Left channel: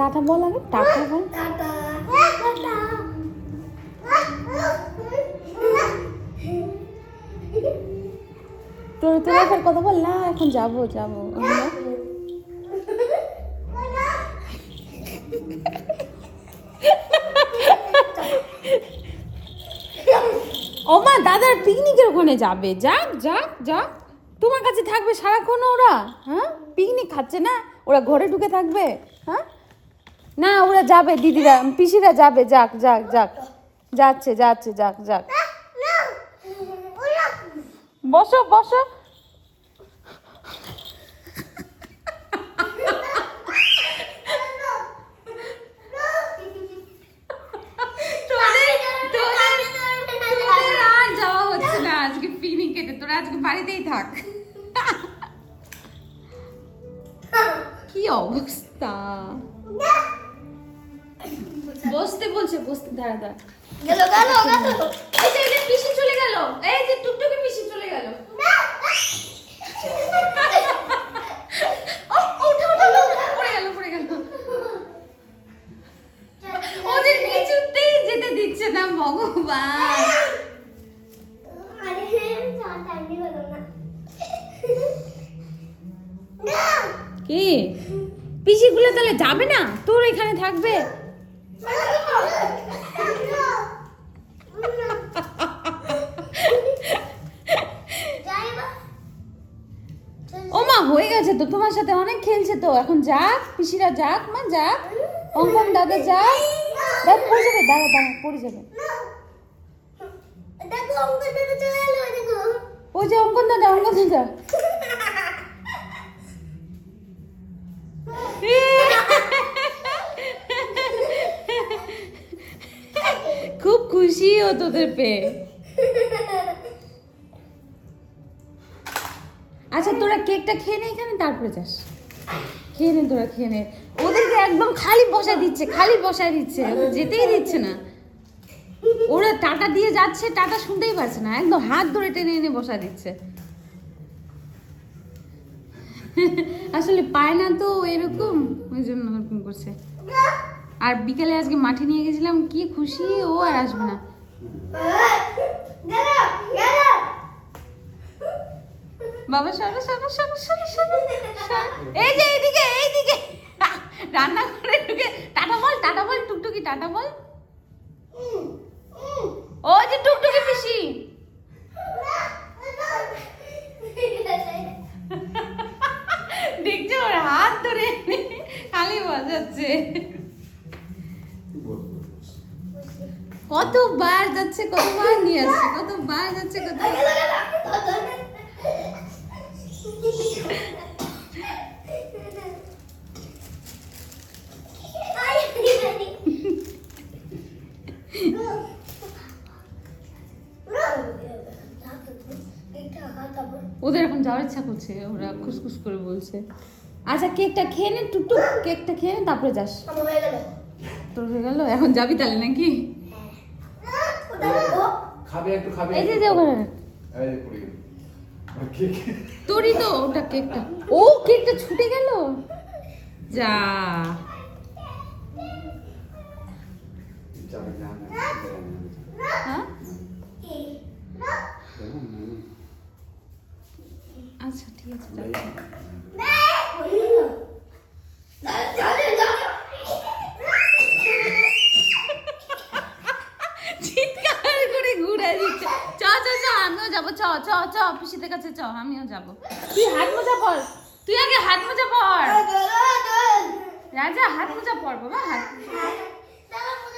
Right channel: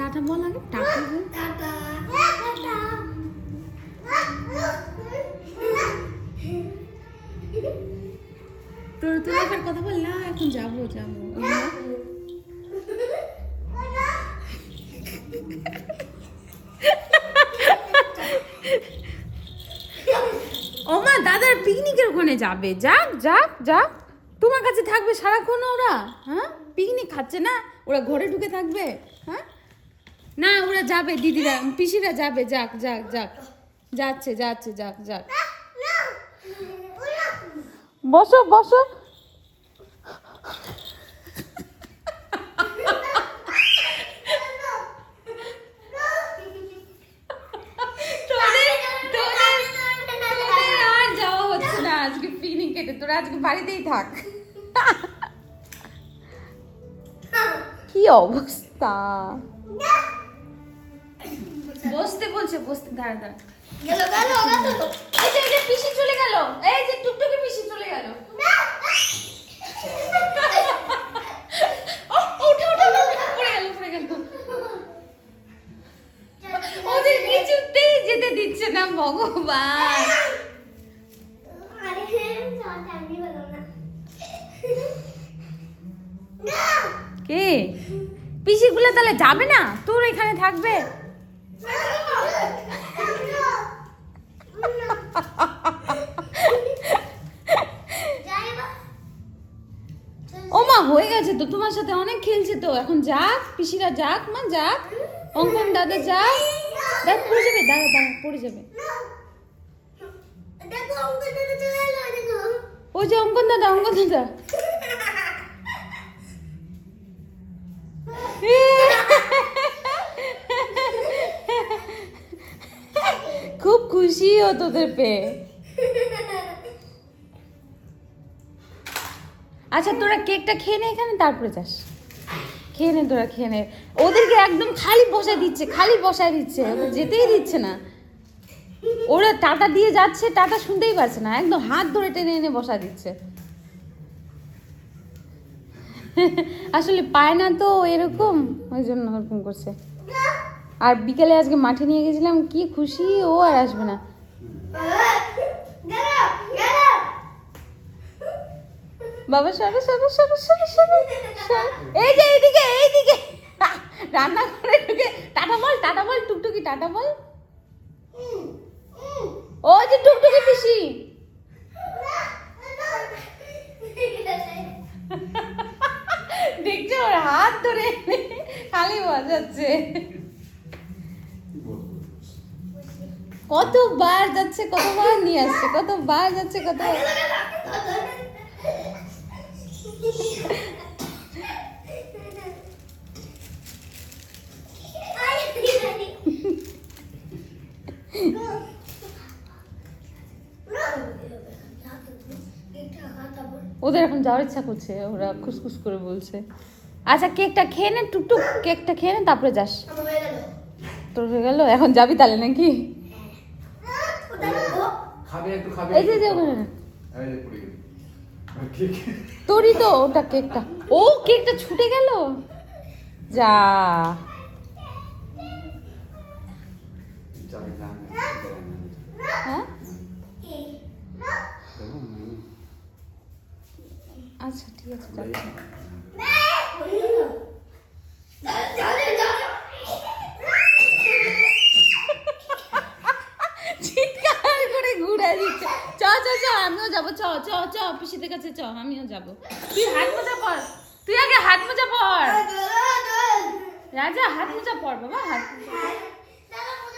Tata বল আগে, tata বল। তোর এখন কথা বল না, এখন যাবো যাবো। ও মা, দাদার পিকনিকের ওখানে যাবে, যাক যাক যাক। তোমার কাছে থাকবে সারাক্ষণ ওরা? হ্যাঁ, পিকনিক খাচ্ছে না ওরা, ঘরে ঢুকে থাকবে? হ্যাঁ না, ওরা যাবে, দিদিরা পিসিরা যাবে, যাক যাক যাক, যাচ্ছে যাচ্ছে, যাক যাক। বসো বসো। তোরা আজকে বাড়িতেই থাক। কি অবস্থা, বসতে বলছে, বসতে। দাঁড়া দাঁড়া, গেল গেল গেল, এই যে পিসি চলে গেল, এই যে টুকটুকি পিসি চলে গেল। পড়ে গেল। ওদের কিছুতেই যেতে দিচ্ছে না ভগবান। কে পিসিগুলো তাহলে যাবে না, তোর এখানে থাকবে? ও মা, হয়ে গেছে তো, তোমার সাথে অনেক খেলছে তো, এখন যাক, পিসিরা যাক, মা যাক, অঙ্কন দাদা যাক। দেখ পড়ে যাবে, দাঁড়া দাঁড়া, পড়ে যাবে। ওই যে অঙ্কন দাদা, অঙ্কন দাদা। খুব খুশি ও তোদের পেয়ে। আচ্ছা তোরা কেকটা খেয়ে নে এখানে, তারপরে যাস। খেয়ে নে তোরা, খেয়ে নে। ওদেরকে একদম খালি বসায় দিচ্ছে, খালি বসায় দিচ্ছে, যেতেই দিচ্ছে না। ওরা টাটা দিয়ে যাচ্ছে, টাটা শুনতেই পারছে না, একদম হাত ধরে টেনে এনে বসায় দিচ্ছে। আসলে পায় না তো এরকম, ওই জন্য ওরকম করছে। আর বিকেলে আজকে মাঠে নিয়ে গেছিলাম, কি খুশি, ও আর আসবে না। বাবা সবে সবে সবে সবে সবে, এই যে এইদিকে এইদিকে, রান্না করে ঢুকে টাটা বল টুকটুকি, টাটা বল। ও যে টুকটুকি পিসি, দেখছো ওর হাত ধরে খালি বাজাচ্ছে। কতবার যাচ্ছে, কতবার নিয়ে আসছে, কতবার যাচ্ছে, কতবার। ওদের এখন যাওয়ার ইচ্ছা করছে, ওরা খুসখুস করে বলছে। আচ্ছা কেকটা খেয়ে নে টুকটুক, কেকটা খেয়ে নে, তারপরে যাস। তোর হয়ে গেল, এখন যাবি তাহলে নাকি? এই যে ওখানে তোরই তো ওটা, কেকটা। ও কেকটা ছুটে গেল, যা। আচ্ছা ঠিক আছে, চিৎকার করে ঘুরে দিচ্ছে। চ চ চ, আমিও যাবো, চ চ চ, পিসিদের কাছে চ, আমিও যাবো। তুই হাত মোজা পর, তুই আগে হাত মোজা